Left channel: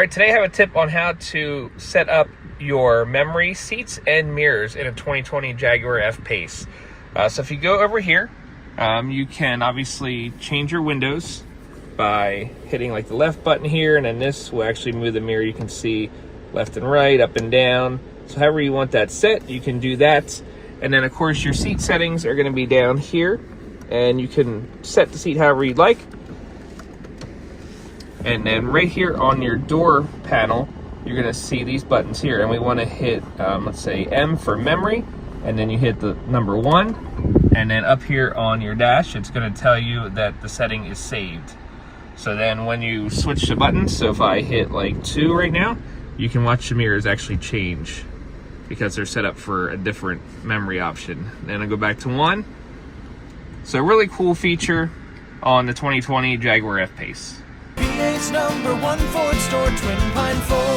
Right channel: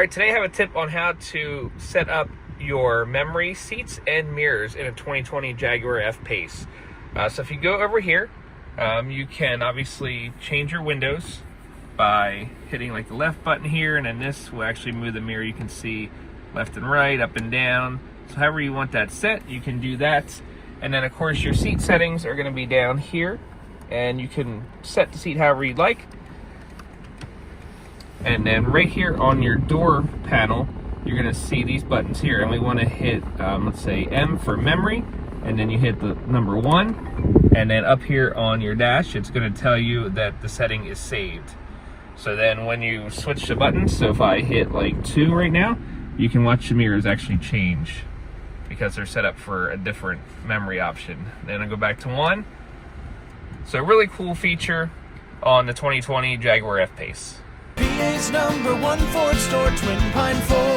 All right, today I have a tip on how to set up your memory seats and mirrors in a 2020 Jaguar F Pace. So if you go over here, you can obviously change your windows by hitting like the left button here, and then this will actually move the mirror. You can see left and right, up and down. So however you want that set, you can do that. And then of course your seat settings are gonna be down here, and you can set the seat however you'd like. And then right here on your door panel, you're gonna see these buttons here, and we wanna hit, let's say M for memory, and then you hit the number 1, and then up here on your dash, it's gonna tell you that the setting is saved. So then when you switch the buttons, so if I hit like 2 right now, you can watch the mirrors actually change because they're set up for a different memory option. Then I go back to 1. So a really cool feature on the 2020 Jaguar F Pace. PA's #1 Ford store, Twin Pine Ford.